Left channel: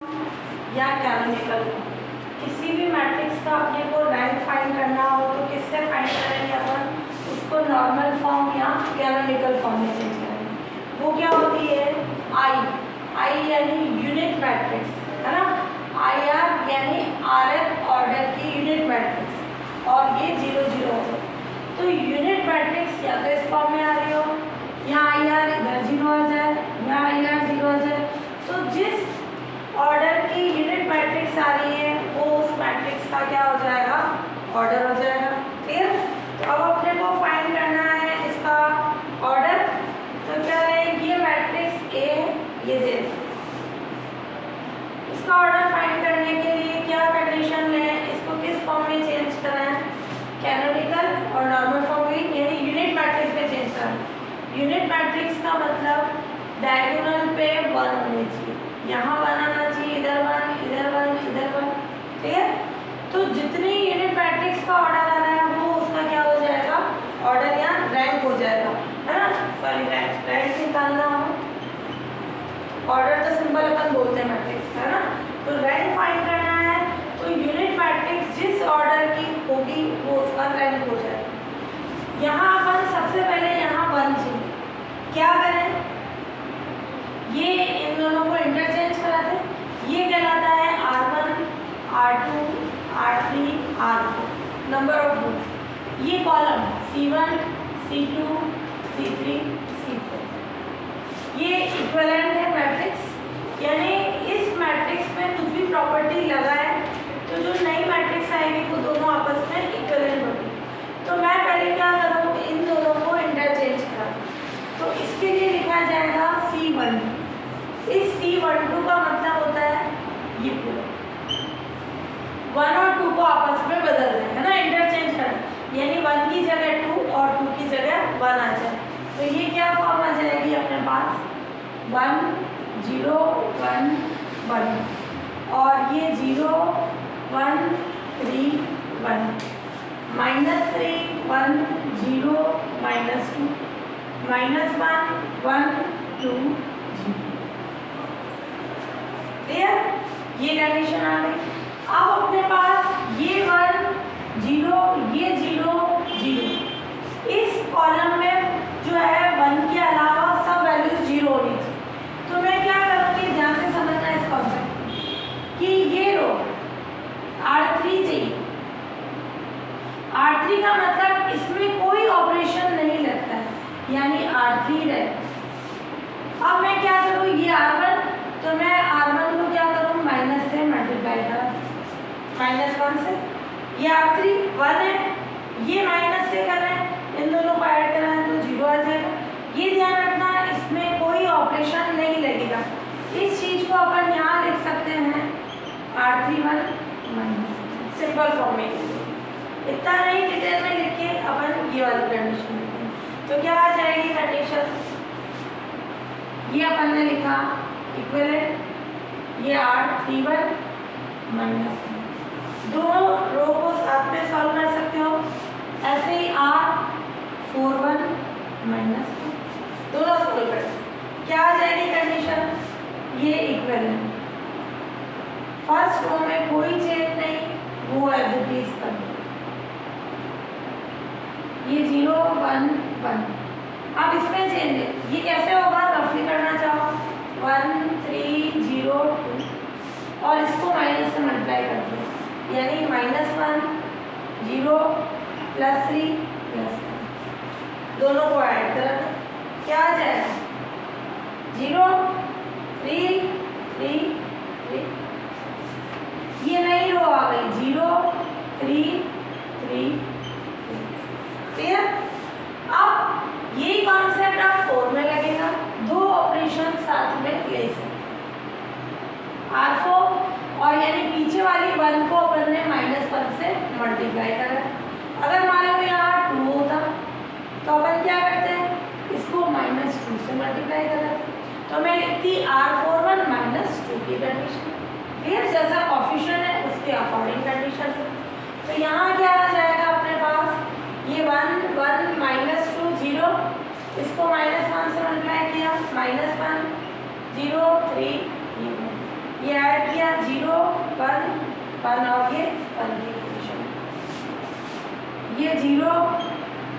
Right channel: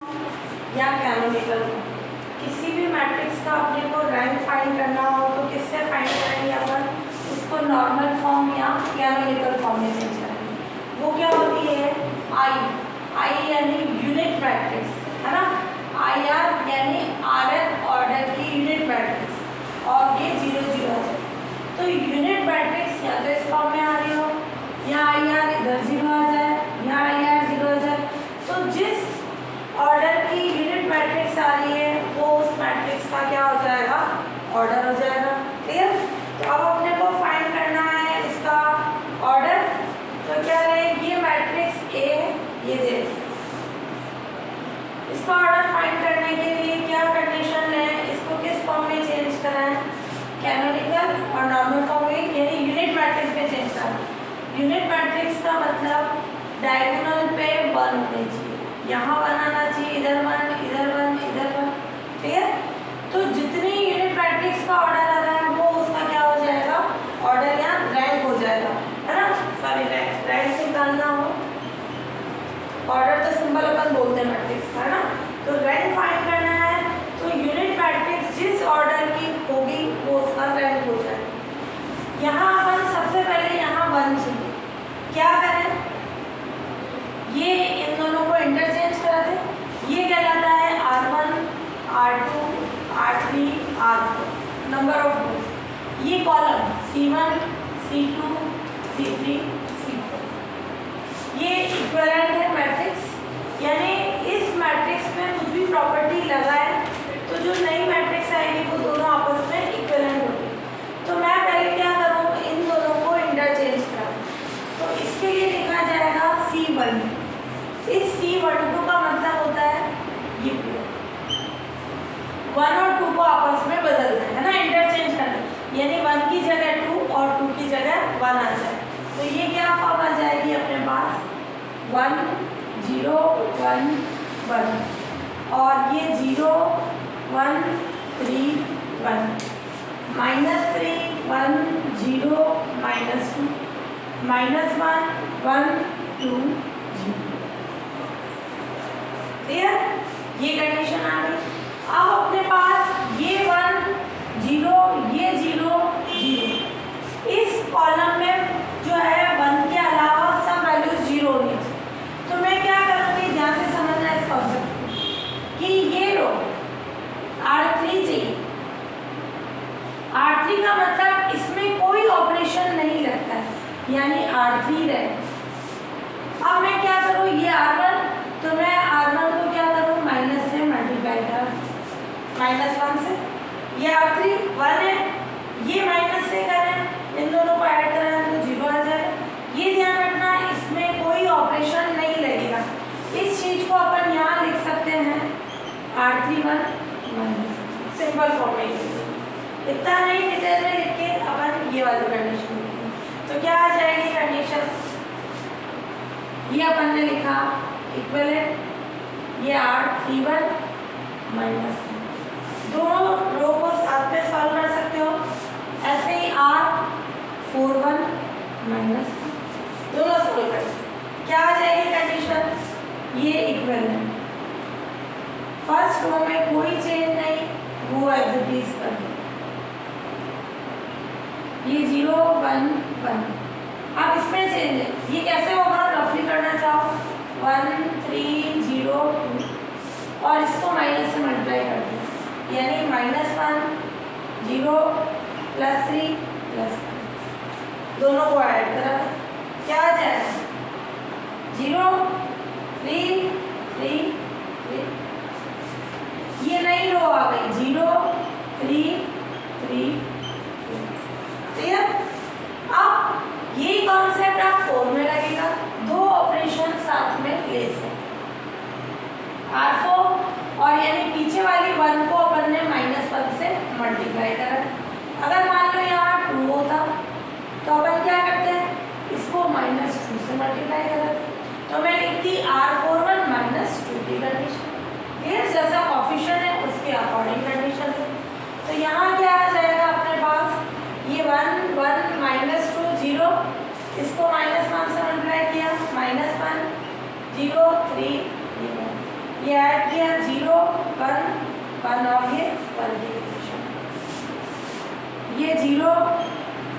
या canonical form. किसी भी मैट्रिक्स का अपने को रैंक फाइंड करना हो तो किससे फाइंड करेंगे अपन? उसको नॉर्मल फॉर्म या कैनोनिकल फॉर्म में चेंज करेंगे। वो क्या होती है? आई यानी यूनिट मैट्रिक्स, है ना। आई आर यानी आर एफ ऑर्डर की यूनिट मैट्रिक्स, और ये 0 0 है। तो यूनिट मैट्रिक्स या तो इस फॉर्म में आ रही हो, यहाँ आई आर इधर 0 आ जाए, यहाँ आई आर 0 आ जाए। तो जिस ऑर्डर की यूनिट मैट्रिक्स आ रही है वो उस मैट्रिक्स का क्या हो जाएगा? ऑर्डर हो जाएगा। फिर तो अब अपने को फाइंड करना है इसका ऑर्डर। तो क्या है? ये मैट्रिक्स ए, ये दे, इसका ऑर्डर फाइंड करने के लिए क्या कंडीशन है? इसको किस फॉर्म में चेंज कराएं? कैनोनिकल और नॉर्मल फॉर्म में, यानी यूनिट मैट्रिक्स में चेंज कराएं। यूनिट मैट्रिक्स का मतलब डायगोनल पे 1 होनी चाहिए, यहाँ 1 आना चाहिए, इधर 1, इधर 1, इधर 1। ठीक है। तो जितनी यूनिट मैट्रिक्स का ऑर्डर आ रहा है वो उसका क्या हो जाएगा? ऑर्डर या रैंक हो जाएगा, है ना। सॉरी, रैंक निकालना हो, ऑर्डर तो सिंबल अपन बोलते हैं मैट्रिक्स का, है ना। तो रैंक फाइंड करना है तो यूनिट मैट्रिक्स जिस ऑर्डर की होगी वो उसका रैंक हो जाएगा। यहाँ अपन सबसे पहले यहाँ 1 चाहिए, क्या करें? ये इन दोनों को इंटरचेंज करा दें। ये कहलाता है R1, R2, R3, R4 number of रोज। ये column C1, C2, C3, C4 ये इक्विवेलेंट है मैट्रिक्स, यानी इस मैट्रिक्स में कुछ भी प्रॉपर्टी लगाए तो जो नई मैट्रिक्स आएगी वो दोनों आपस में इक्विवेलेंट होगी। तो मैं पहले क्या करूँ? इन दोनों को इंटरचेंज करूँ। तो इसके लिए लिखा जाएगा C1। इस C12 का मतलब होता है ये पूरा 1 और 2 को आपस में बदल दें, है ना, इंटरचेंज करना, यानी 1 की जगह 2 और 2 की जगह 1 आ जाए। तो ये क्या फॉर्म आ जाएगी अपने पास? 1 0 1 1, और ये 0 1 3 1, -3 1 0 -2 -1 1 2 0। क्लियर? ये कंडीशन आ गई। अब अपने पास ये 1 0, ये 0 0, इस कॉलम में जो है 1 के अलावा सब वैल्यूज 0 होनी चाहिए। तो मैं क्या करूँगी? ध्यान से समझना इस कॉन्सेप्ट कि ये रो R3 चाहिए। R3 का मतलब इसमें कोई ऑपरेशन नहीं लगता है, यानी R3 रहेगा। अब मैं क्या करूँ? ये R1, तो मैं R1 को क्या करूँ? माइनस से मल्टीप्लाई करूँ, -1 से। ये R3 1 है, ये माइनस से करें, इन दोनों को ऐड करें तो 0 आ जाएगा। ये ध्यान रखना, इसमें कोई ऑपरेशन नहीं लगेगा। इस चीज़ को अपन यहाँ लिख सकते हैं R31 सिंपल फॉर्म में। इतना नहीं डिटेल में लिख के अपन ये वाली कंडीशन लिखेंगे। तो क्या आ जाएगी कंडीशन? ये अपन ने लिखा इक्विवेलेंट, ये R31 -1। दोनों रो को साथ में सॉल्व कर सकते हो। ऐसे ही R41 -1 दोनों सॉल्व कर सकते। क्या आ जाएगी कंडीशन? ये इक्विवेलेंट, फर्स्ट रो में कोई चेंज नहीं, वो एज इट इज कर दो। ये 0 1 1, अब इसमें चेंज है, ये कैसे होगा? रफली करना चाहो 1 3 0 2, और इसको माइनस से मल्टीप्लाई कर दो, यानी -1 0 +3 +1, दोनों को ऐड करा, क्या आ जाएगा? 0 3 3 3, ये नई रो आ गई 0 3 3 3। अब यही कॉन्सेप्ट आप 4 में लगेगा, दो ऑपरेशन साथ में ले सकते R4, और यानी पीछे वाली 1 को अपन ने -1 से मल्टीप्लाई करा। अगर मान लो यहाँ 2 होता तो अपन क्या करते हैं? इसको -2 से मल्टीप्लाई करा। तो मैं लिखती R41 -2 की कंडीशन, फिर जैसा ऑफिशियल है उसके अकॉर्डिंग कंडीशन। तो यहाँ क्या आ जाएगा अपने पास? ये 1 1 -2 0, इसको -1 से मल्टीप्लाई किया, -1 0 3 1, ये ये ऐड किया 0 1 1 और ये 1 की कंडीशन, ये 0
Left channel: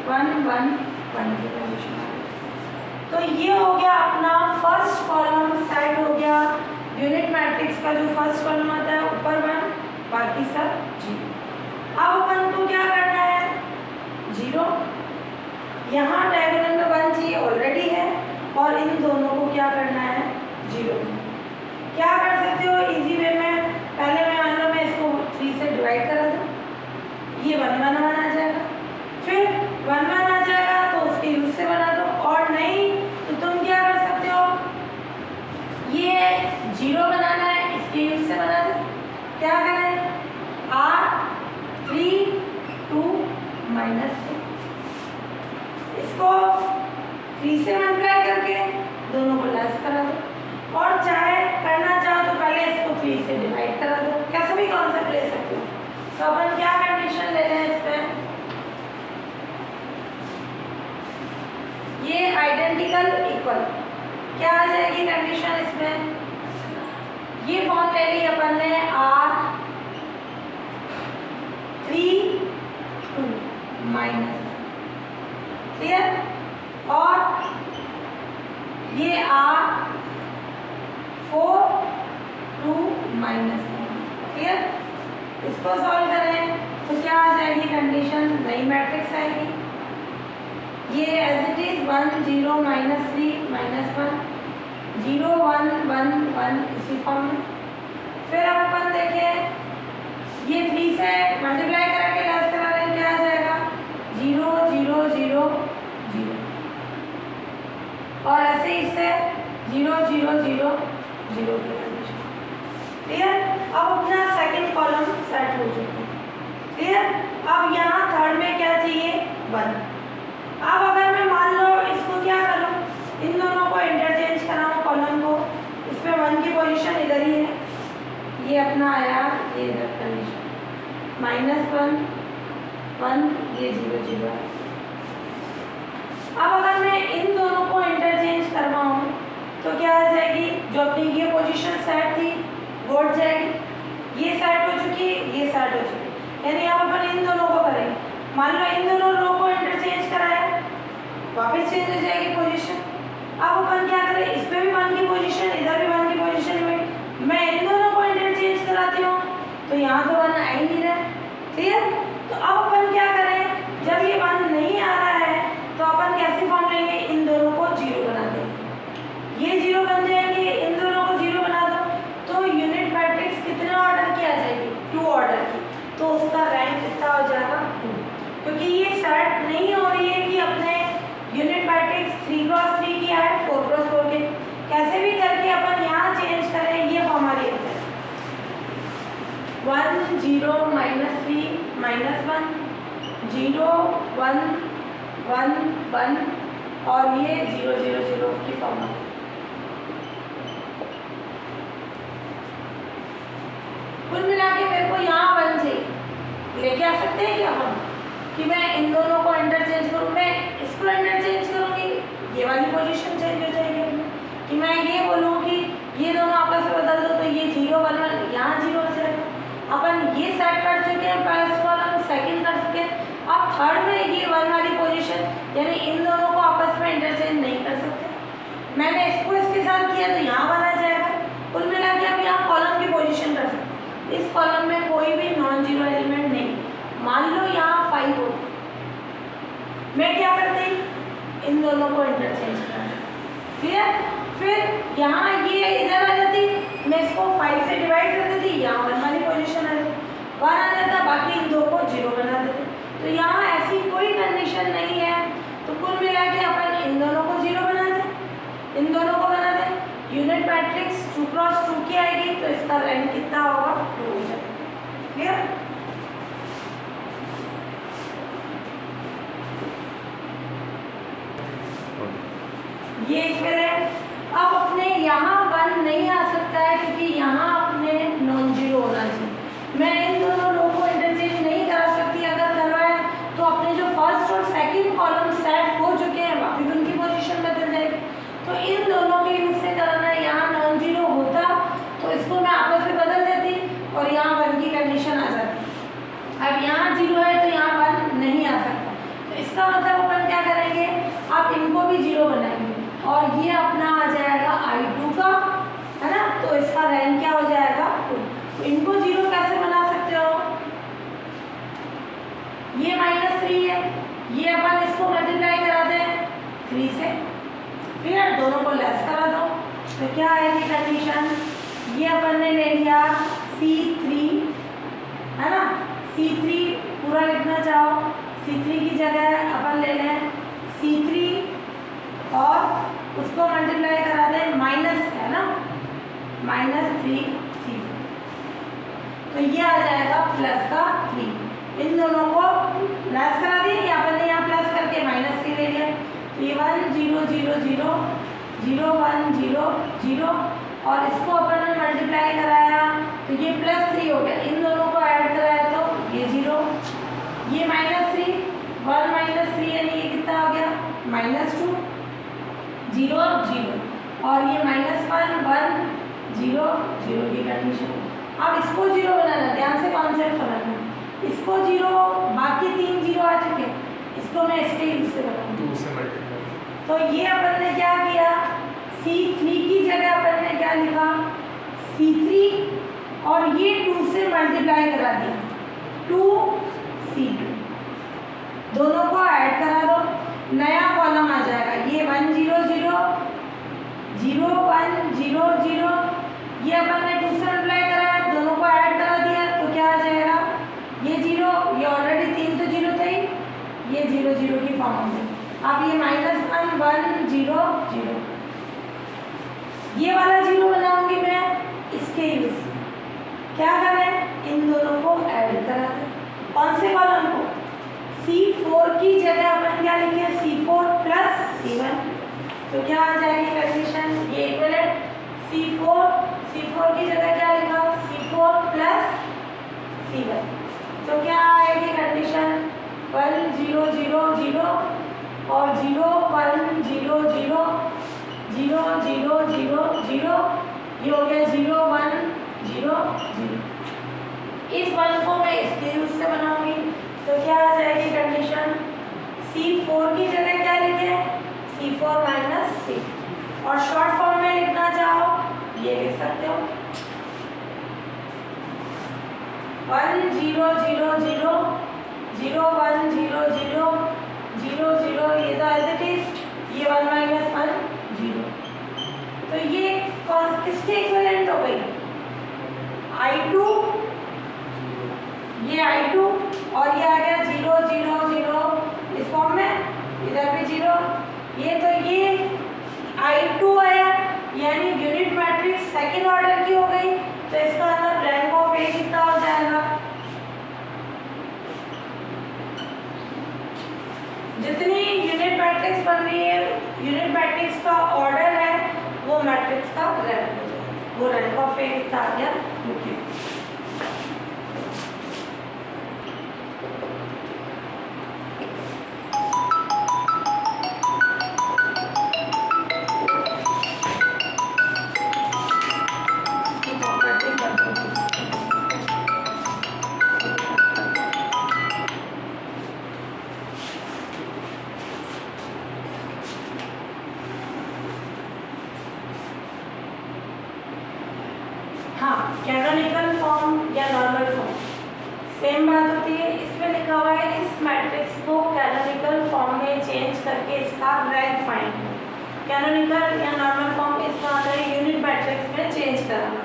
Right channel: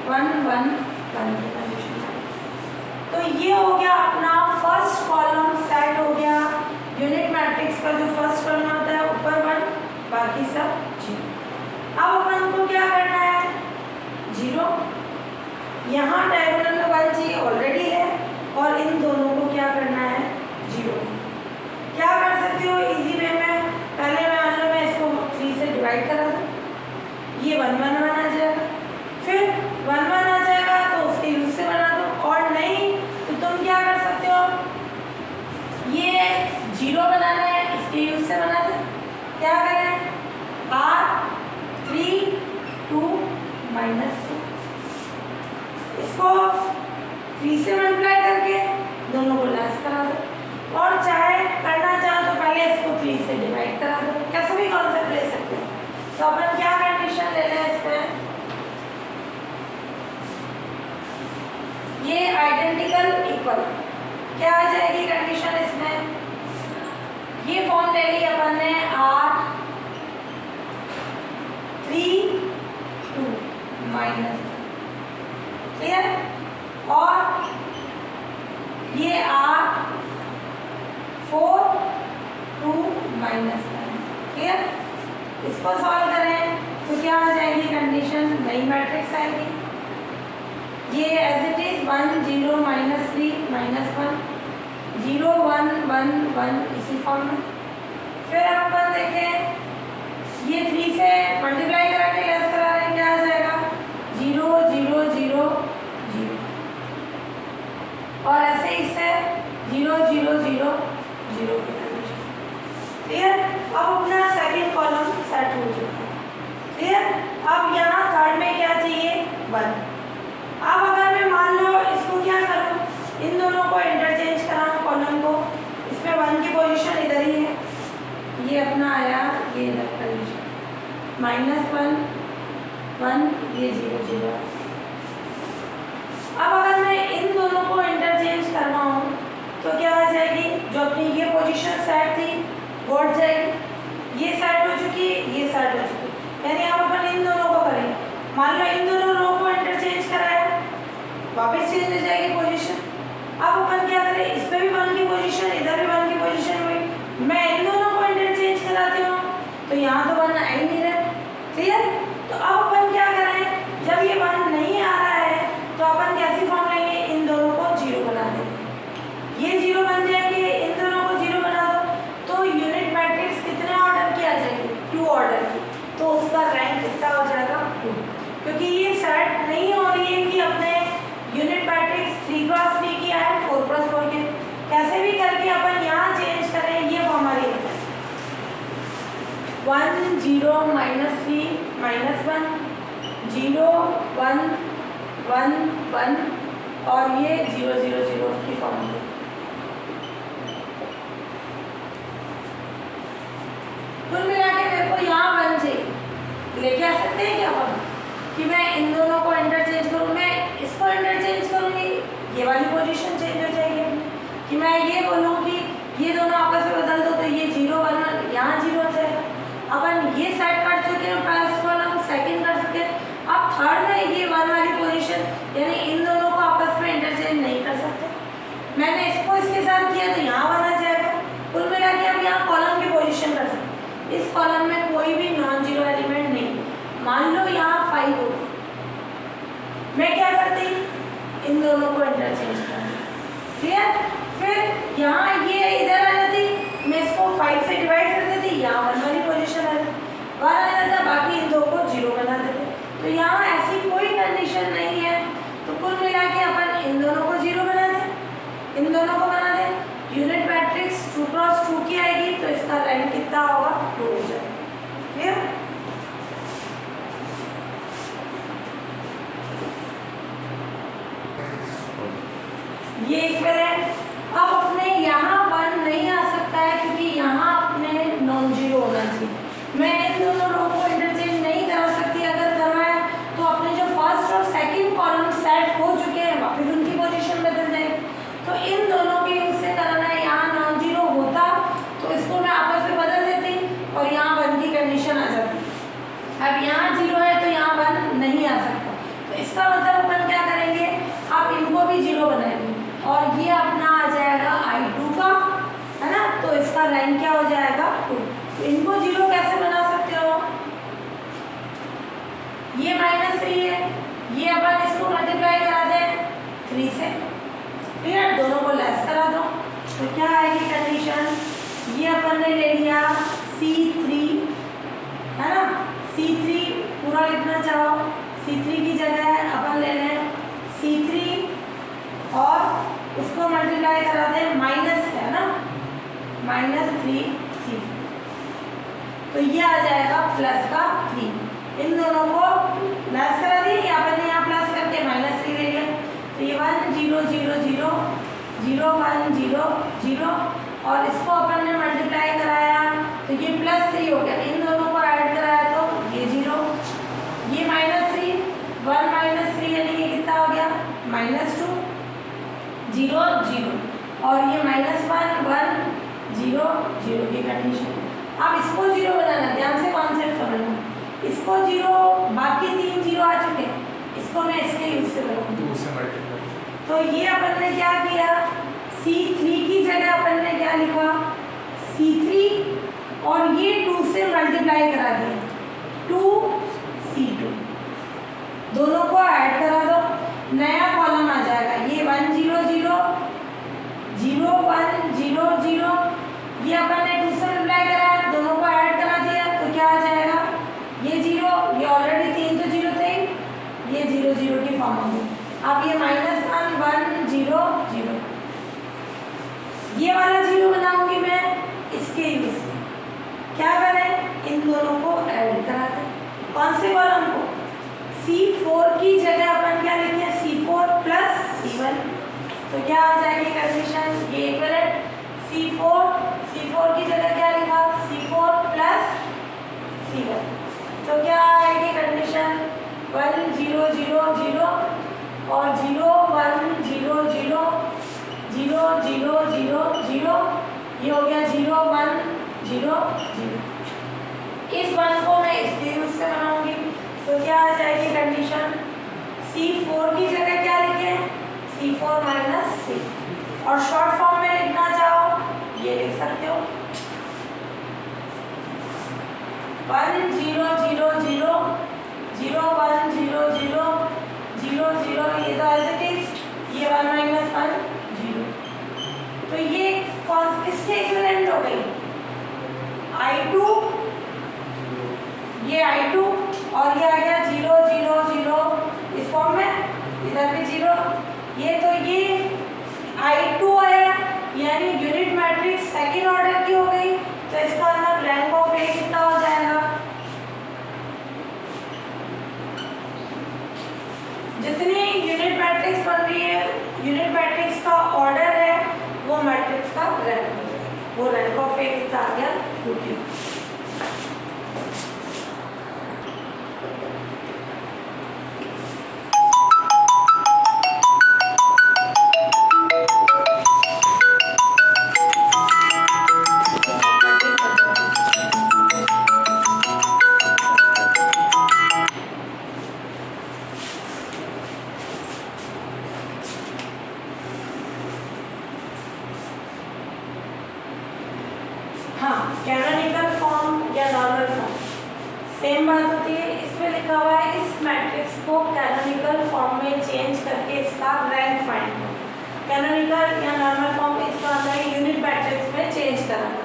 1 1 1 की कंडीशन। तो ये हो गया अपना फर्स्ट कॉलम सेट हो गया। यूनिट मैट्रिक्स का जो फर्स्ट कॉलम आता है ऊपर 1 बाकी सब 0। अब अपन को क्या करना है 0, यहाँ डायगोनल में 1 चाहिए ऑलरेडी है, और इन दोनों को क्या करना है 0। क्या कर सकते हो इजी वे में, पहले मैं इसको 3 से डिवाइड करा दूँ, ये 1 1 1 आ जाएगा, फिर 1 1 आ जाएगा तो उसके यूज से बना दो, और नहीं तो तुम क्या कर सकते हो, ये 0 बनाना है इसके यूज से बना दो। क्या करें R3 2 -2, इसको 3 से मल्टीप्लाई करके दोनों को लेस करा दो, और चाहे करना चाहो तो पहले इसको 3 से डिवाइड करा दो, कैसे भी कॉन्सेप्ट ले सकते हो। तो अपन क्या कंडीशन ले लें इस पे, ये आइडेंटिकल इक्वल, क्या आ जाएगी कंडीशन इसमें, ये फॉर्म ले ली अपन ने R3 2 माइनस, क्लियर, और ये R4 2 माइनस, क्लियर। इसको सॉल्व करें तो क्या आ जाएगी कंडीशन, नई मैट्रिक्स आएगी, ये एज इट इज 1 0 -3 -1 0 1 1 1 इसी फॉर्म में। फिर अपन देखें ये 3 से मल्टीप्लाई करा के लेस करा रहे हैं, क्या आ जाएगा 0 0 0 0, और ऐसे इससे 0 0 0 0 की कंडीशन, क्लियर। अब अपना सेकंड कॉलम सेट हो चुका है, क्लियर। अब यहाँ थर्ड में क्या चाहिए 1। अब अगर मैं मान लो इसको क्या करूँ, इन दोनों को इंटरचेंज कराऊँ कॉलम को, इसमें 1 की पोजीशन इधर ही है, ये अपना आया ये इधर कंडीशन -1 1, ये 0 0। अब अगर मैं इन दोनों को इंटरचेंज करवाऊँ तो क्या आ जाएगी, जो अपनी ये पोजीशन सेट थी वो हट जाएगी, ये सेट हो चुकी ये सेट हो चुकी, यानी अब अपन इन दोनों को करेंगे, मान लो इन दोनों रो को इंटरचेंज कराया वापस चेंज हो जाएगी पोजीशन। अब अपन क्या करें, इस पे भी 1 की पोजीशन, इधर भी 1 की पोजीशन हुई, मैं इन दोनों को इंटरचेंज कराती हूँ तो यहाँ तो 1 आ ही नहीं रहा है, क्लियर। तो अब अपन क्या करें, जब ये 1 नहीं आ रहा है तो अपन कैसी फॉर्म लेंगे, इन दोनों को 0 बना देंगे, ये 0 बन जाएंगे, इन दोनों को 0 बना दो, तो यूनिट मैट्रिक्स कितने ऑर्डर की आ जाएगी 2 ऑर्डर की, तो उसका रैंक कितना हो जाएगा 2, क्योंकि ये सेट नहीं हो रही है कि अपने यूनिट मैट्रिक्स 3x3 की है 4x4 की, कैसे भी करके अपन यहाँ चेंज करें, ये हमारी 1 0 -3 -1 0 1 1 1, और ये 0 0 0 की फॉर्म है। कुल मिला के मेरे को यहाँ 1 चाहिए, लेके आ सकते हैं क्या हम, कि मैं इन दोनों को इंटरचेंज करूँ, मैं इसको इंटरचेंज करूँगी, ये वाली पोजीशन चेंज हो जाएगी अपनी, कि मैं ये बोलूँ कि ये दोनों आपस में बदल दो तो ये 0 1 1 यहाँ 0 हो जाएगा। अपन ये सेट कर चुके हैं फर्स्ट कॉलम, सेकंड कर चुके हैं, अब थर्ड में ये 1 वाली पोजीशन, यानी इन दोनों को आपस में इंटरचेंज नहीं कर सकते, मैंने इसको इसके साथ किया तो यहाँ 1 आ जाएगा। कुल मिला के आप यहाँ कॉलम की पोजीशन कर सकते हैं, इस कॉलम में कोई भी नॉन जीरो एलिमेंट नहीं, मान लो यहाँ 5 हो, मैं क्या करती, इन दोनों को इंटरचेंज कर, क्लियर। फिर यहाँ ये इधर आ जाती, मैं इसको 5 से डिवाइड कर देती, यहाँ 1 वाली पोजीशन आ जाती, 1 आ जाता, बाकी इन दो को 0 बना देते। तो यहाँ ऐसी कोई कंडीशन नहीं है, तो कुल मिला के अपन इन दोनों को 0 बना दें, इन दोनों को बना दें, यूनिट मैट्रिक्स 2x2 की आएगी, तो इसका रैंक कितना होगा 2 हो जाएगा, क्लियर। ये इक्विवेलेंट, अब अपने यहाँ 1 नहीं आ सकता है क्योंकि यहाँ अपने नॉन जीरो होना चाहिए, मैं इन दोनों रो को इंटरचेंज नहीं करा सकती, अगर करवाए तो अपने जो फर्स्ट और सेकंड कॉलम सेट हो चुके हैं वापस उनकी पोजीशन बदल जाएगी, तो इन दोनों के यूज से कराना है, यहाँ नॉन जीरो होता तो इसको मैं इनको जीरो कैसे बना सकते हो, ये -3 है, ये अपन इसको मल्टीप्लाई करा दें 3 से, क्लियर, दोनों को लेस करा दो। तो क्या आएगी कंडीशन, ये अपन ने ले लिया C3 है ना, C3 पूरा लिखना चाहो, C3 की जगह अपन ले लें C3 और उसको मल्टीप्लाई करा दें माइनस है ना, -3C, तो ये आ जाएगा प्लस का 3। इन दोनों को प्लस करा दिए, या अपन ने यहाँ प्लस करके -3 ले लिया, तो ये 1 0 0 0 0 1 0 0 और इसको अपन ने मल्टीप्लाई कराया तो ये +3 हो गया, इन दोनों को ऐड कराया तो ये 0, ये -3 1 -3 यानी ये कितना हो गया -2 0 0 और ये -1 1 0 0 की कंडीशन। अब इसको 0 बनाना, ध्यान से कॉन्सेप्ट समझना, इसको 0, बाकी 3 0 आ चुके, इसको मैं इसके यूज से बनाऊंगी। तो ये अपन ने क्या किया, C3 की जगह अपन ने क्या लिखा C3 और ये 2 से मल्टीप्लाई करा दिया 2C2, दोनों को ऐड करा दो, नया कॉलम आ जाएगा, ये 1 0 0 0 1 0 0, ये अपन ने 2 से मल्टीप्लाई कराया, दोनों को ऐड करा दिया तो क्या आ जाएगा, ये 0, ये ऑलरेडी 3 तो 0 थे, ये 0 0 की फॉर्म होगी। अब ये -1 1 0 0, ये वाला 0 बनाऊंगी मैं इसके यूज से, क्या करें, इन दोनों को ऐड करा दें, कौन से कॉलम को, C4 की जगह अपन क्या लिखे C4 + C1, तो क्या आ जाएगी कंडीशन, ये इक्विवेलेंट C4 की जगह क्या लिखा C4 + C1, तो क्या आएगी कंडीशन 1 0 0 0 और 0 1 0 0 0 0 0 0, ये हो गया 0 1 0 0, इस 1 को मैं इसके यूज से बनाऊंगी, तो क्या आ जाएगी कंडीशन, C4 की जगह क्या लिखे C4 - C, और शॉर्ट फॉर्म में लिखना चाहो ये लिख सकते हो 1 0 0 0 0 1 0 0 0 0, ये तो एज इट इज, ये 1 - 1 0, तो ये किसके इक्विवेलेंट हो गई I2, ये I2 और ये आ गया 0 0 0 इस फॉर्म में, इधर भी 0, ये तो ये I2 है, यानी यूनिट मैट्रिक्स सेकेंड ऑर्डर की हो गई, तो इसका मतलब रैंक ऑफ A कितना हो जाएगा, जितनी यूनिट मैट्रिक्स बन रही है, यूनिट मैट्रिक्स का ऑर्डर है वो मैट्रिक्स का रैंक हो जाएगा, वो रैंक ऑफ A कितना आ गया 2। कैनोनिकल फॉर्म या नॉर्मल फॉर्म सेम बात होती है, इसमें लिखा हुआ है इस मैट्रिक्स को कैनोनिकल फॉर्म में चेंज करके इसका रैंक फाइंड करो। कैनोनिकल या नॉर्मल फॉर्म इसका आता है यूनिट मैट्रिक्स में चेंज कराना।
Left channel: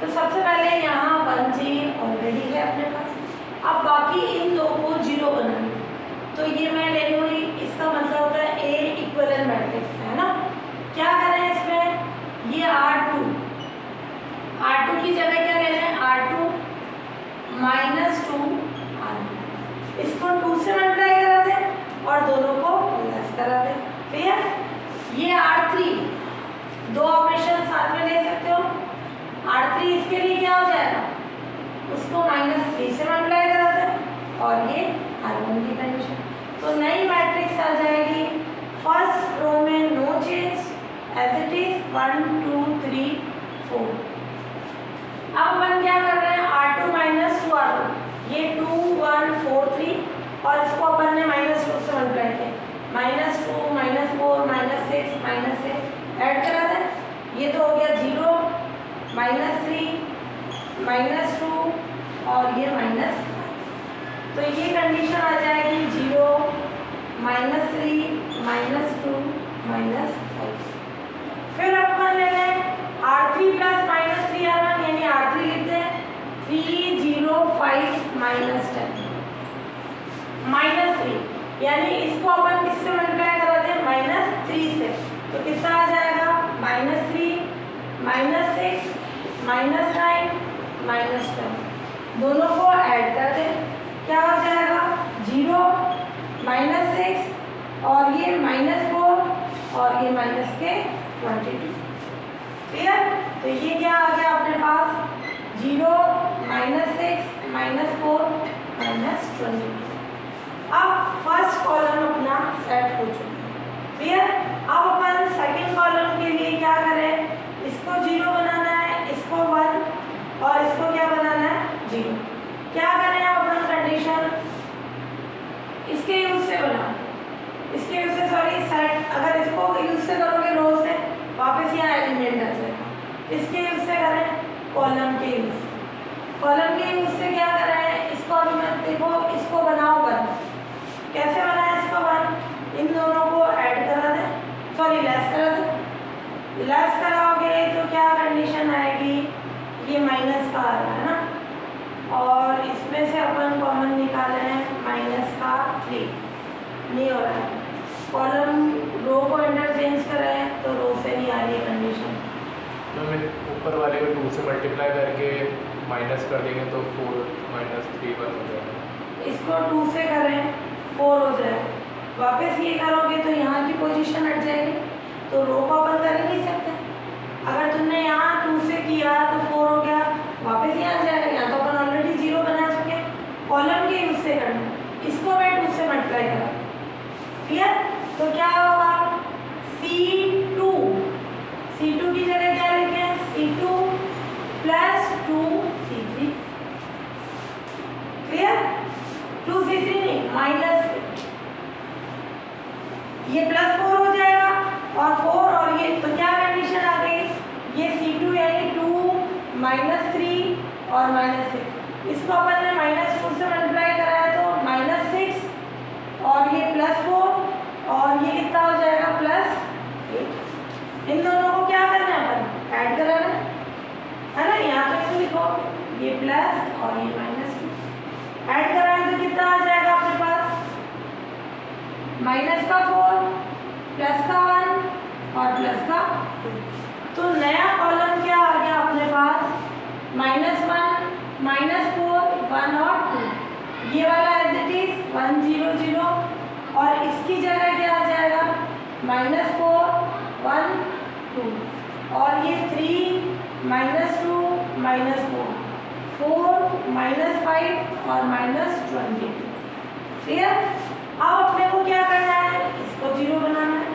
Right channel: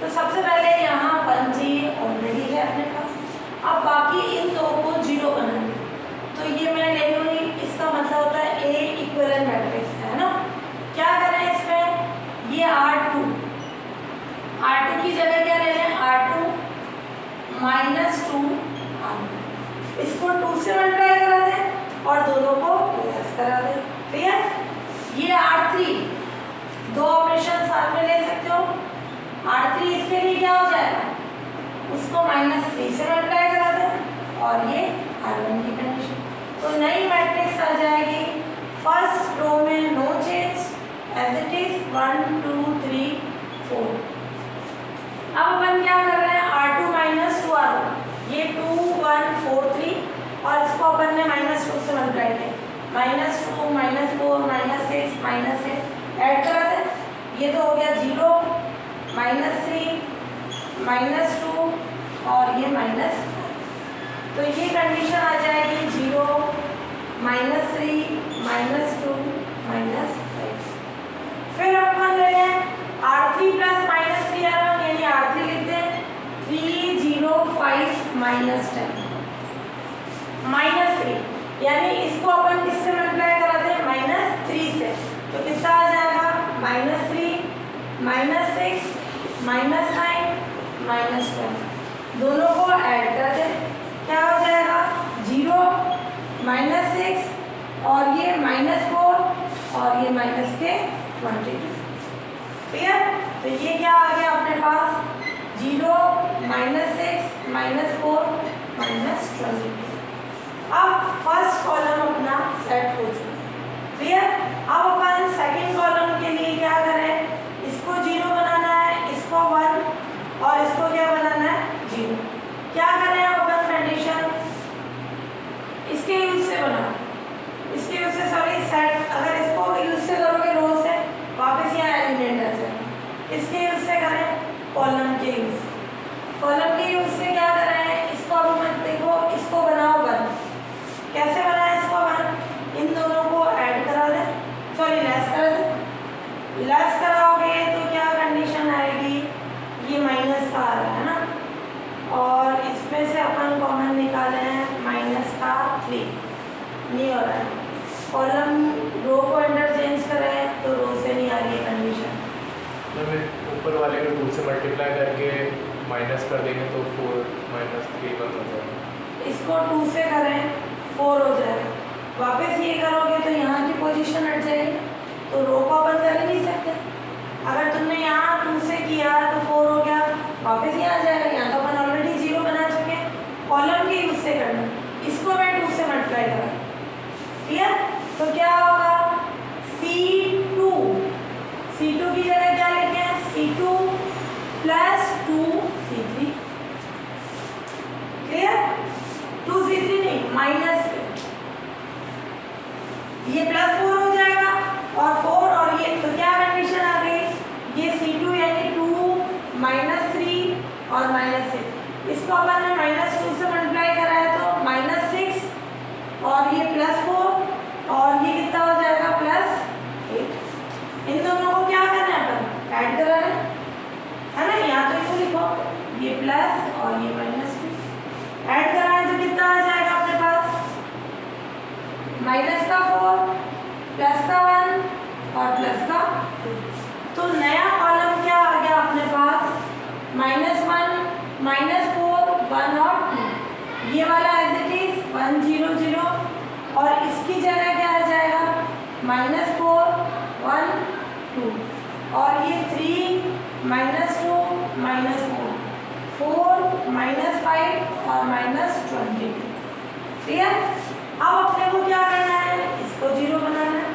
तो सबसे पहले यहाँ 1G ऑलरेडी है अपने पास, अब बाकी इन दो को 0 बनाना, तो ये मैं ले लूँगी, इसका मतलब होता है A इक्विवेलेंट मैट्रिक्स है ना। क्या करें इसमें, ये R2 की जगह क्या ले लें, R2 - 2 R2, इसको 2 से मल्टीप्लाई करा दें और दोनों को लेस करा दें, क्लियर। ये R3 दो ऑपरेशन साथ में ले सकते हो, R3 इसके लिए क्या हो जाएगा, उसको -3 से मल्टीप्लाई करा दें और ये R1 की कंडीशन, तो नई मैट्रिक्स आ जाएगी। फर्स्ट रो में no change as it is 1 2 3 4। अब अपन क्या कर रहे हैं, R2 - 2 R1, ये 2 1 4 3 और इसको अपन ने -2 से मल्टीप्लाई किया, -2 -4 -6 -8 ऐड करा दें, ये तो हो गया 0 -3 -2 और ये -5। तो ये कंडीशन आ जाएगी 0, -3, -2, -5। फिर अपन ले लें R3 प्लस -3R1 यानी R3 लिख दें 3, 0, 5, -10 -3 यानी इसको अपन किससे मल्टीप्लाई करा दें -3 से। तो कितना आ जाएगा -3, -6, -9, -10। दोनों को ऐड कर दें, क्या हो जाएगा 0, -6 और ये -4 और ये -22। क्लियर। तो ये क्या आ गया अपने पास 0, -6, -4, -22। अब फर्स्ट कॉलम अपना सेट हो चुका है। क्लियर। अब अपन सेकंड कॉलम के लिए क्या करें, इसको 0 बनाना है, इसको 1 और इसको क्या बनाना है 0। क्या करें अपन कंडीशन इसके यूज से बनाओ, इसके यूज से सॉरी सेट। अगर इसको यूज से करोगे रो से वापस यहाँ एलिमेंट आ जाएगा। इसके यूज से करें कॉलम के यूज से। कॉलम के यूज से क्या करें, इसको अब देखो इसको बनाओ 1। कैसे बनाए इसको 1, इन दोनों को ऐड करा दें, सॉरी लेस करा दें। लेस कराओगे तो क्या कंडीशन आएगी, ये माइनस का आ रहा है ना, और इसमें से अपन कॉमन निकाले हैं -3 नहीं हो रहा है। कॉलम रो को इंटरचेंज करें तो रो से नहीं आ रही है कंडीशन। तो ऊपर वाले को 2 से मल्टीप्लाई करके माइनस कर देंगे तो 4 -3 बन जाएगा। इसको 2 से करें 4 हो जाएगा। वापस ये करोगे तो यहाँ की पोजीशन हट जाएगी, तो रो को अपन कर ही नहीं सकते। अगर तुमने यहाँ 2 से किया तो 4 हो गया, वापस यहाँ आ जाएगा। यहाँ तो अपन ऑलरेडी 0 बना चुके हैं, कॉलम के यूज से करना। इसको मैं 2 से मल्टीप्लाई करा, क्लियर। तो क्या होगा C2 की जगह क्या लिखे हैं C2 + 2C3। क्लियर। 2C3 नहीं माइनस, ये +4 हो जाएगा और 4 और ये, तो क्या कंडीशन आ गई, ये C2 यानी 2 -3 और -6। इसको अपन ने -2 से मल्टीप्लाई कराया तो -6 और ये +4 और ये कितना हो जाएगा +8। इन दोनों को क्या करना है अपन ऐड कराना है ना। या तो इसको लिखो ये प्लस और ये -2 ऐड कराएं तो कितना आ जाएगा अपने पास -4 +1 और +2। तो नया कॉलम क्या आ गया अपने पास -1, -4, 1 और 2। ये वाला एज इट इज 1 0 0 और इसकी जगह क्या आ जाएगा -4 1 2 और ये 3 -2 -4 4 -5 और -22। क्लियर। अब अपने को क्या करना है, इसको 0 बनाना है।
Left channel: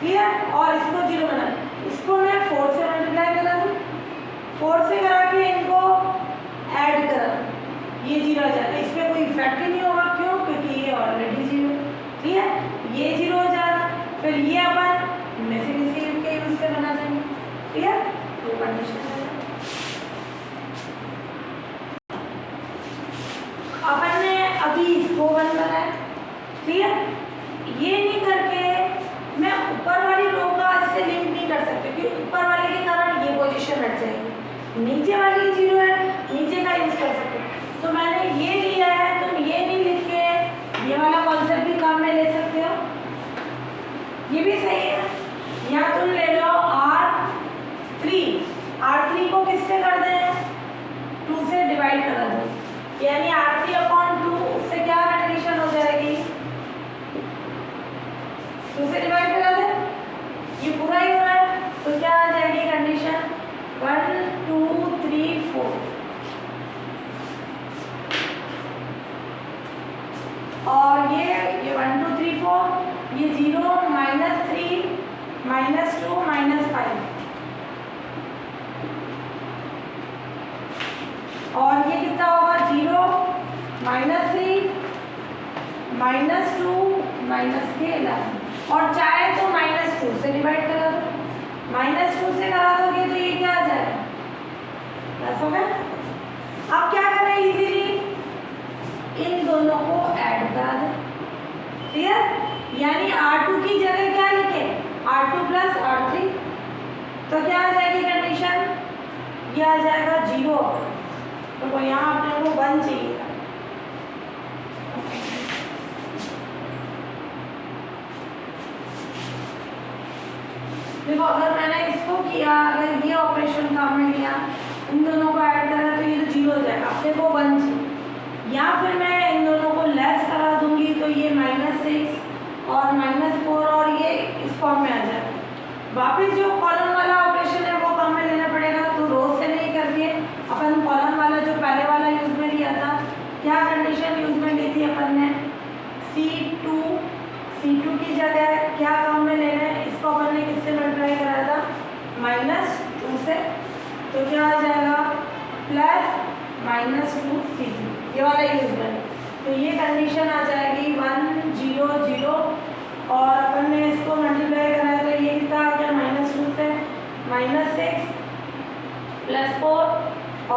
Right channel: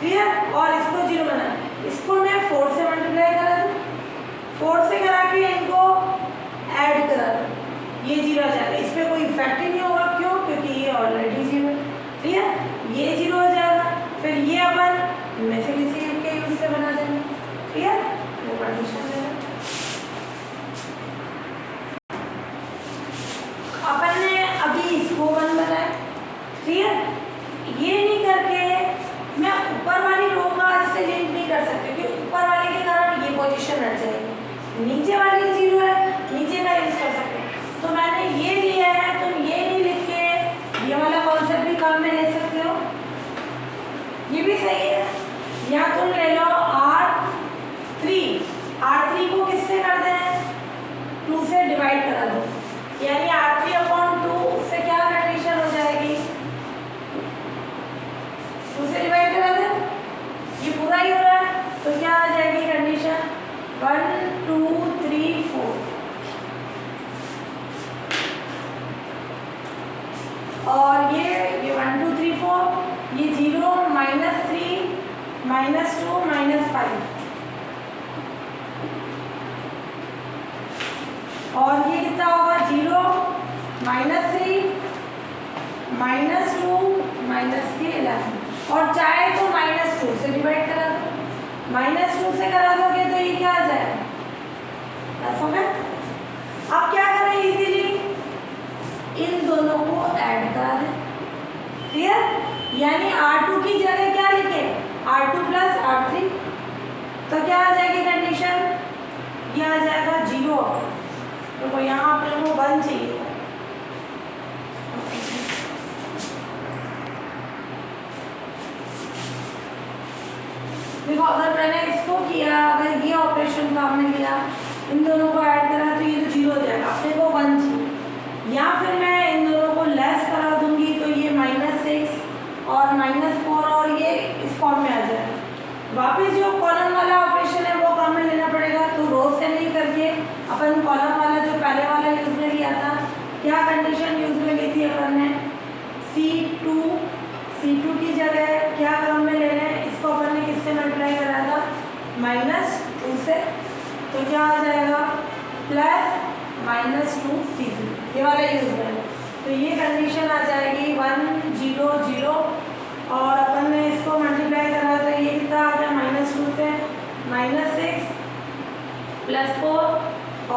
क्लियर। और इसको 0 बनाना है। इसको मैं 4 से मल्टीप्लाई करा दूँ, 4 से करा के इनको ऐड करा दूँ, ये 0 आ जाएगा। इसमें कोई इफेक्ट ही नहीं होगा, क्यों, क्योंकि ये ऑलरेडी 0 है। क्लियर। ये 0 हो जाएगा, फिर ये अपन इनमें से किसी के यूज से बना देंगे। क्लियर। ये कंडीशन है। अपन ने अभी इसको 1 बनाया। क्लियर। ये नहीं करके मैं ऊपर वाली रो का इससे लिंक नहीं कर सकती, क्योंकि ऊपर वाले के कारण ये पोजीशन हट जाएगी। नीचे वाली 0 है, नीचे का यूज कर सकते। तो मैंने ये लिया है, तुम ये नहीं लिख के ये वाला कॉन्सेप्ट भी काम में ले सकते हो, ये भी सही है। या तुम ले लो R3 को किससे कर दें 2 से डिवाइड करा दो, यानी R3/2 उससे क्या कंडीशन हो जाएगी 2 से डिवाइड करा दें, ये पूरा ही हो रहा है। तो क्या आ जाएगी कंडीशन 1 2 3 4 और ये 1 2 3 4 ये 0 -3 -2 -5 और ये कितना होगा 0 -3 -2 -11 और चाहे तो -2 से डिवाइड करा दो। -2 से करा दोगे तो ये क्या आ जाएगा प्लस हो गया। यानी R2 की जगह क्या लिखे, R2 प्लस R3, तो क्या आ जाएगी कंडीशन, ये आ जाएगा 0। तो यहाँ आप लोगों को 1 चाहिए। देखो अगर मैंने इसको किया, अगर ये ऑपरेशन काम में लिया, इन दोनों को ऐड करा तो ये तो 0 हो जाएगा, अपने को 1 चाहिए। या फिर मैं इन दोनों को लेस करा दूंगी तो ये -6 और -4 और ये इस फॉर्म में आ जाएगा। वापस जो कॉलम वाला ऑपरेशन है वो काम में लेना पड़ेगा, तो रो से नहीं करके अपन कॉलम वाला जो पहले वाला यूज में लिया था, क्या कंडीशन यूज में ली थी अपन ने, C2 की जगह क्या काम में ले रहे हैं, इसको अपन ने किससे मल्टीप्लाई कराया था, -2 से, तो क्या आ जाएगा +-2 C3, ये वाला यूज में। तो ये कंडीशन आ जाएगी 1 0 0 और अपन ने इसको मल्टीप्लाई कराया तो ये कितना आ गया, -2 से -6 +4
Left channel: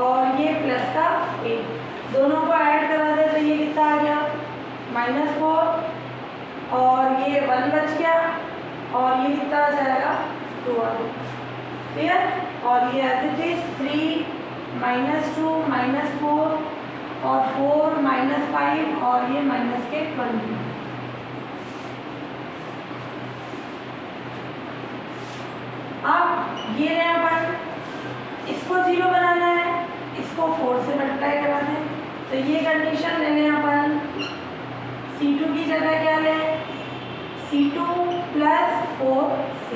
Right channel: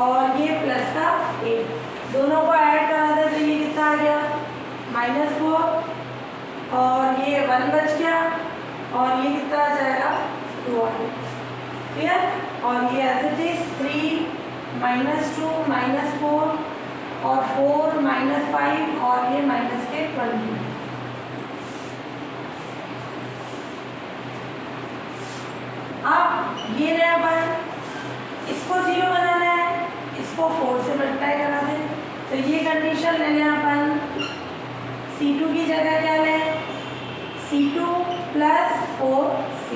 और ये प्लस का 8, दोनों को ऐड करा दे तो ये कितना आ गया, -4 और ये 1 बच गया और ये कितना आ जाएगा, 2 आ गया। क्लियर। और ये एज इट इज 3 -2 -4 और 4 -5 और ये -20। अब ये रहा अपन, इसको 0 बनाना है, इसको 4 से मल्टीप्लाई करना है, तो ये कंडीशन ले लें अपन, C2 की जगह क्या लें, C2 + 4C,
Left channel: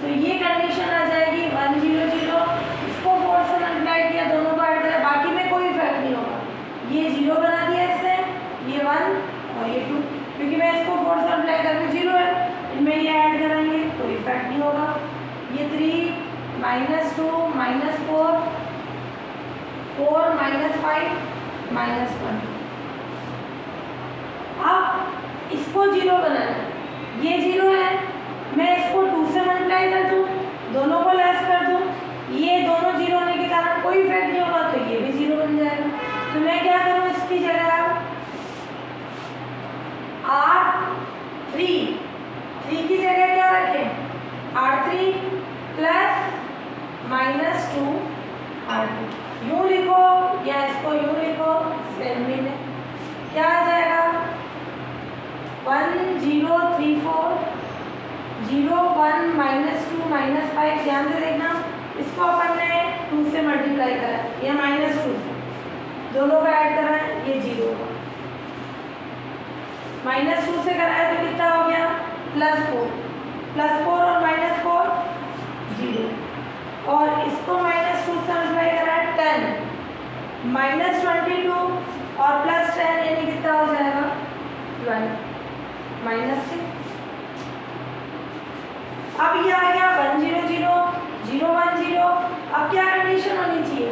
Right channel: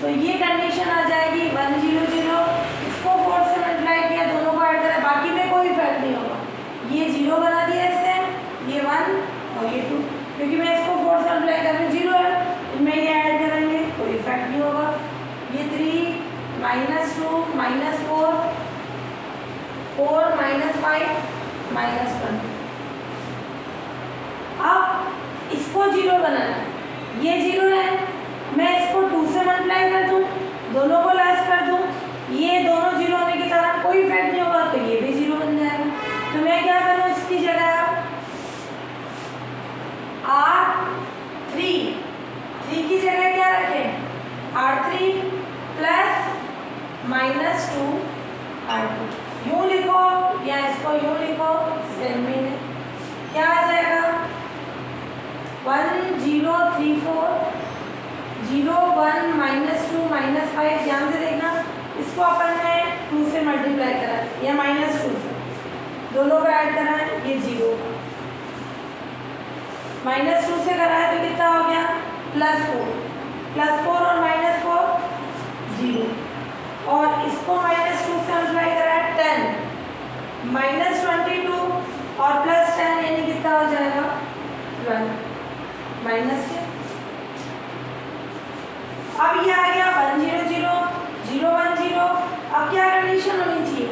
तो ये कंडीशन आ जाएगी 1 0 0, इसको 4 से मल्टीप्लाई किया, दोनों को ऐड करा, बाकी में कोई इफेक्ट नहीं होगा, ये 0 बना दिया इससे, ये 1 और ये 2, क्योंकि मैं इसको 4 से मल्टीप्लाई कर रही हूँ, 0 है, इनमें ये ऐड कराएंगे कोई इफेक्ट नहीं होगा, ये 3 -2 -4 4 -5 -1। अब इसको 0 बनाना है, ये 0 है, मैं इसको 2 से मल्टीप्लाई कर दूं, दोनों को लेस कर दूं, ये दोनों 0 होने के कारण कोई इफेक्ट नहीं होगा, तो ये भी 0 बन जाएगा। तो मैं क्या करूं, इसकी जगह R3 की जगह क्या रखें, R3 + -2 R2, यूं लिखो या इसको यूं लिखो, सेम में क्या आ जाएगा, 1 0 3 4 0 1 -2 -5, ध्यान से देखना, इसको अपन ने 2 से मल्टीप्लाई करा या -2 से, दोनों को ऐड करा, ये 0, -2 से करा है तो कितना हो गया, +4 और -4 0, और इसको -2 से मल्टीप्लाई करा है 10, -22 और +10 यानी कितना हो जाएगा, 12 -6। अब ये आ गया 1 0 0 0 1 0, अब क्या कंडीशन होनी चाहिए,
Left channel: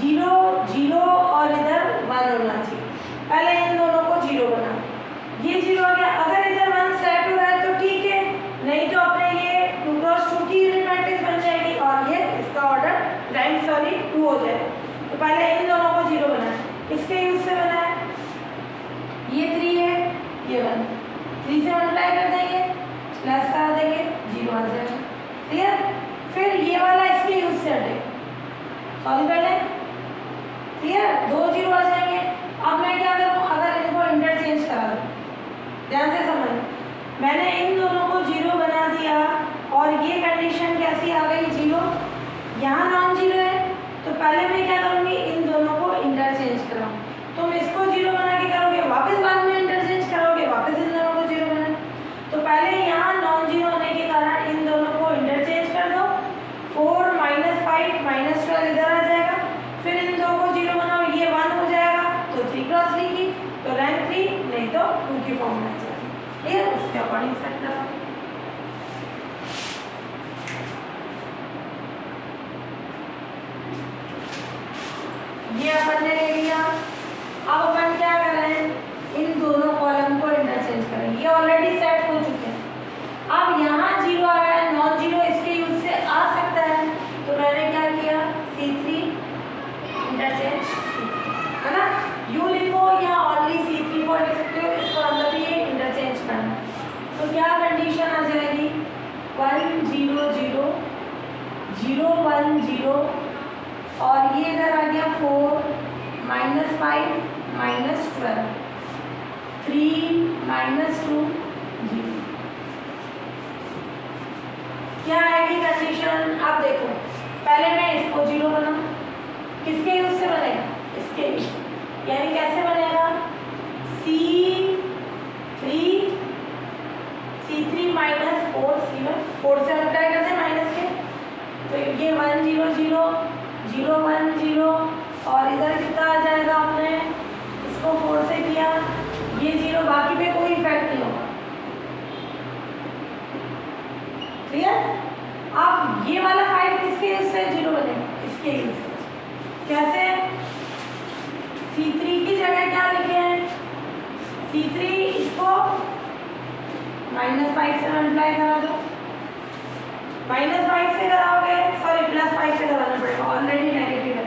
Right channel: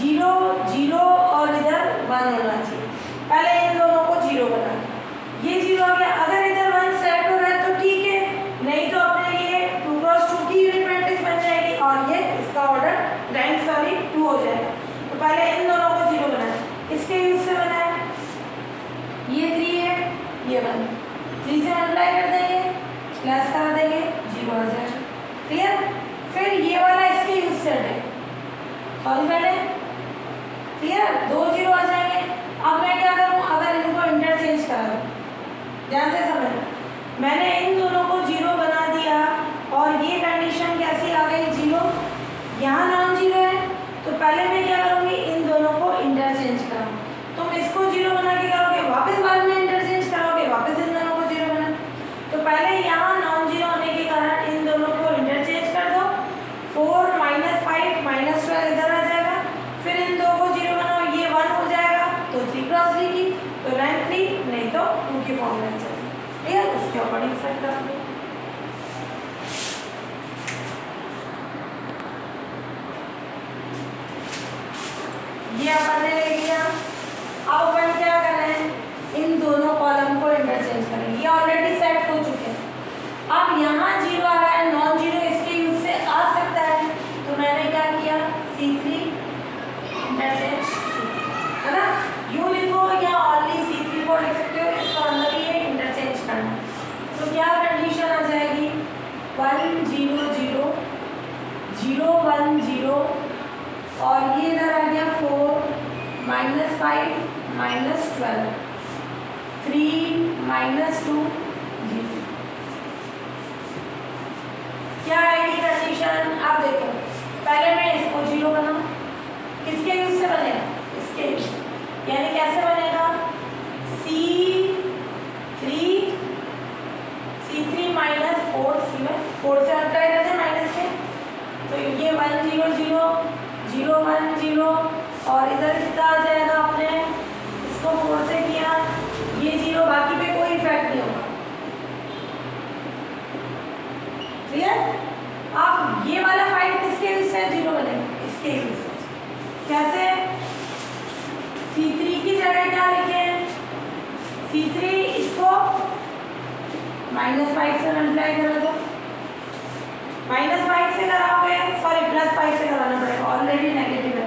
0 0 और इधर 1 होना चाहिए, पहले इन दोनों को 0 बनाना, ये 0 आ गया, अगर इधर 1 सेट हो रहा है तो ठीक है, नहीं तो अपने ये 2 × 2 की यूनिट मैट्रिक्स बन जाएगी और ये इसका ऑर्डर रैंक 2 हो जाएगा। तो पहले इन दोनों को 0 बनाना, किसके यूज से बना है, ये 3 है, ये 1, 3 से मल्टीप्लाई कर देंगे, प्लस करा देंगे, 0 आ जाएगा। क्लियर। फिर ये वाला इसके यूज से हटेगा, सॉल्व कर लें, क्लियर, 2 0 आ जाएंगे। अब मैं क्या करूँ, अगर इनको इंटरचेंज करा दूँ, ध्यान से समझना, मैंने इन दोनों को 0 बना दिया और ये कंडीशन कैसी आ गई, 0, यहाँ नॉन 0 है, तो पहले मैं क्या करूँगी, इन दोनों को इंटरचेंज कराऊँ, तुम इसको 0 बना के करोगे, वापस बाद में इंटरचेंज करोगे, वापस इन दोनों को 0 बना, तो पहले यहाँ नॉन 0 होने के कारण इन दोनों को इंटरचेंज कर दो, 4 -5 -12 इधर आ जाएगा, फिर इन दो को 0 बनाओ, ये 1 हो जाएगा, तो 3 × 3 की, तो रैंक 3, नहीं तो 2 की फॉर्म में जाएगा। 5 माइनस 12, 3 माइनस 2 0। क्या आएगी कंडीशन? आप देखो, पहले मैं इसको 0 बनाऊं, किसके यूज से बनेगा? इसके यूज, यानी कैसे बनेगा? C3 माइनस 4 4 से अप्लाई करते हैं माइनस के, तो ये 1 0 0 0 1 0, और इधर कितना आ जाएगा? आपने इसको 4 से किया, ये 0, बाकी पे कोई इफेक्ट नहीं होगा। क्लियर? अब ये वाला 5 किसके यूज से 0 बनेगा? इसके यूज से। कैसे? C3 की जगह क्या लिखे हैं? C3 इसको -5 से मल्टीप्लाई करा दो, -5 से कराओगे, सॉरी +5 से कराना पड़ेगा, ऑलरेडी नेगेटिव है,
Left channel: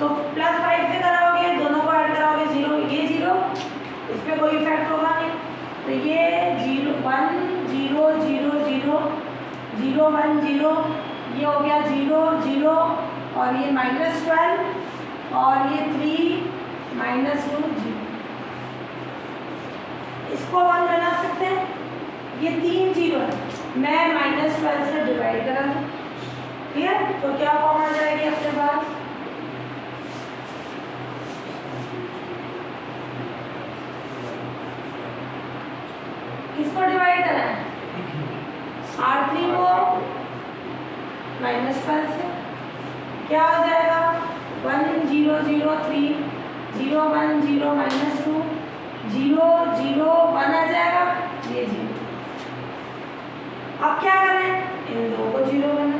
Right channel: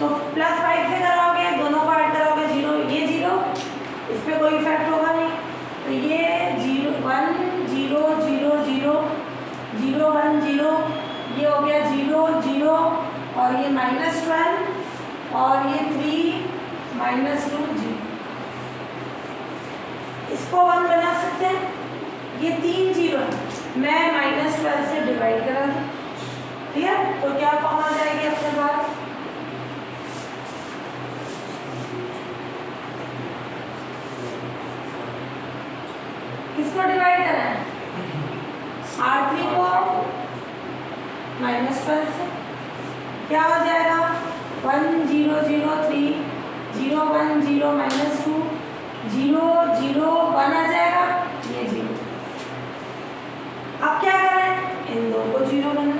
तो +5 से कराओगे, दोनों को ऐड कराओगे 0, ये 0, इस पर कोई इफेक्ट होगा नहीं, तो ये 0 1 0 0 0 0 1 0, ये हो गया 0 0, और ये -12, और ये 3 -2 0। इसको 1 बना सकते हैं, ये 3 0 है, मैं -12 से डिवाइड करा दूँ। क्लियर? तो क्या फॉर्म आ जाएगी अपने पास? किसको डिवाइड करा है? R3 को -12 से, क्या हो जाएगा? 1 0 0 3 0 1 0 -2 0 0 1 आ जाएगा, ये 0। अब क्या करें? इन दो को 0 बना,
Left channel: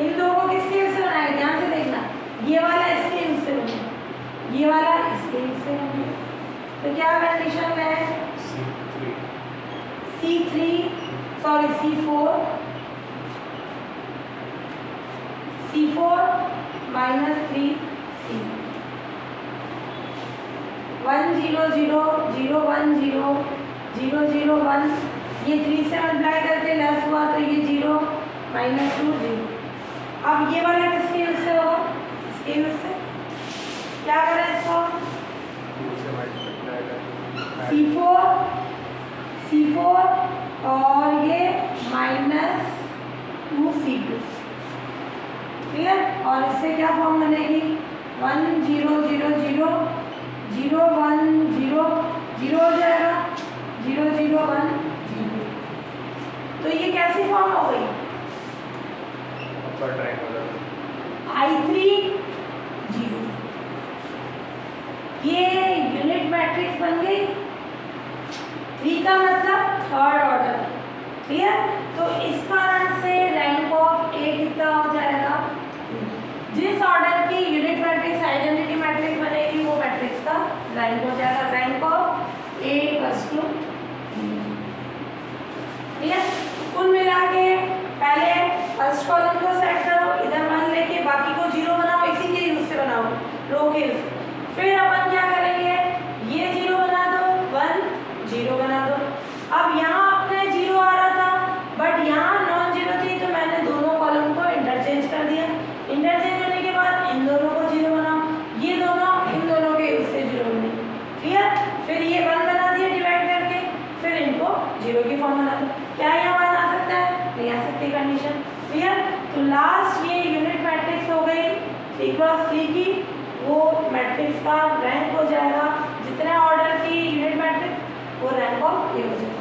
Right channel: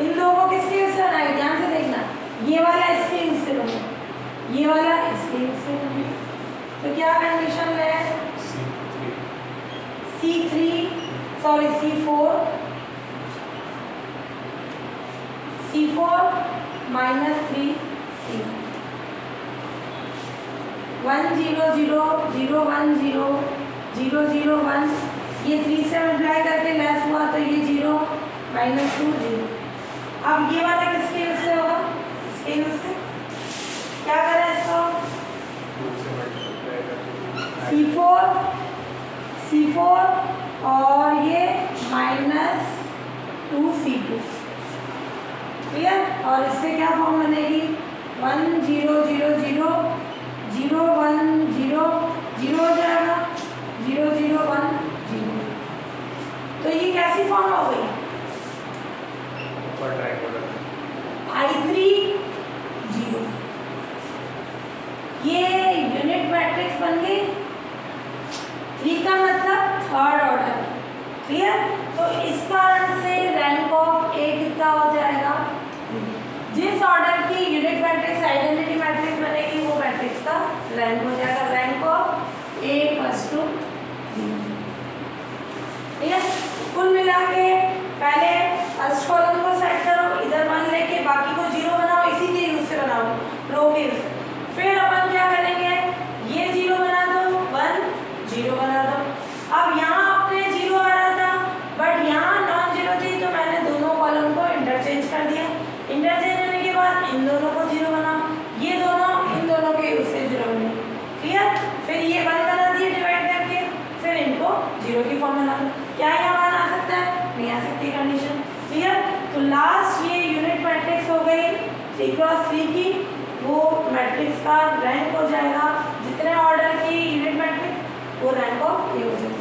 इन दो को किसके यूज से बनाएगा? ध्यान से देखना, ये वाला इसके यूज से बनेगा, ये वाला इसके यूज से बनेगा, तो क्या कंडीशन है? C4 -3 C, 1 0 0 0 1 0 0 0 1, ये 3 से मल्टीप्लाई करके लेस हुआ, तो ये 0 -2 0। अब ये वाला किसके यूज से होगा? इसके यूज से। क्या करें इसको? C4 और ये -2 C2। क्लियर? और इससे क्या फॉर्म बनेगी? 1 0 0 0 0 1 0 0 हो जाएगा, 0 0 1 0। तो ये कैसी फॉर्म हो गई? I3 0, ये यूनिट मैट्रिक्स बन गई। 3 का मतलब थर्ड ऑर्डर। क्लियर? तो इस कारण से रैंक ऑफ ए कितना हो जाएगा? जिस ऑर्डर की यूनिट मैट्रिक्स आइडेंटिटी मैट्रिक्स बनेगी वो मैट्रिक्स का रैंक हो जाएगा, रैंक ऑफ ए = 2। क्लियर? कुल मिला के पहले फर्स्ट कॉलम को सेट करो, इधर 1 लेके बाकी को 0 बनाओ, इसी के यूज से बनाओ, रो के यूज। फिर अपन क्या करेंगे? ये 0 बना दो, 1 0 बना दो। अब यहाँ अपने 0 आ रहा था, बट यहाँ नॉन 0 थी, तो मैंने दोनों कॉलम को इंटरचेंज कर दिया। इंटरचेंज होने के बाद इन दोनों को 0 बनाओ, ये दोनों इन दोनों के यूज से 0 बने। क्लियर? फिर ये 1 बना दिए डिवाइड करके, फिर इनको 0 की फॉर्म बना दो। क्या यहाँ 1 आ सकता है? नहीं आ सकती कंडीशन। क्लियर? तो लास्ट ये यूनिट मैट्रिक्स हो गई 3 × 3 की, वो मैट्रिक्स का रैंक हो जाएगा, जितने ऑर्डर की यूनिट मैट्रिक्स वो रैंक ऑफ ए हो जाएगा।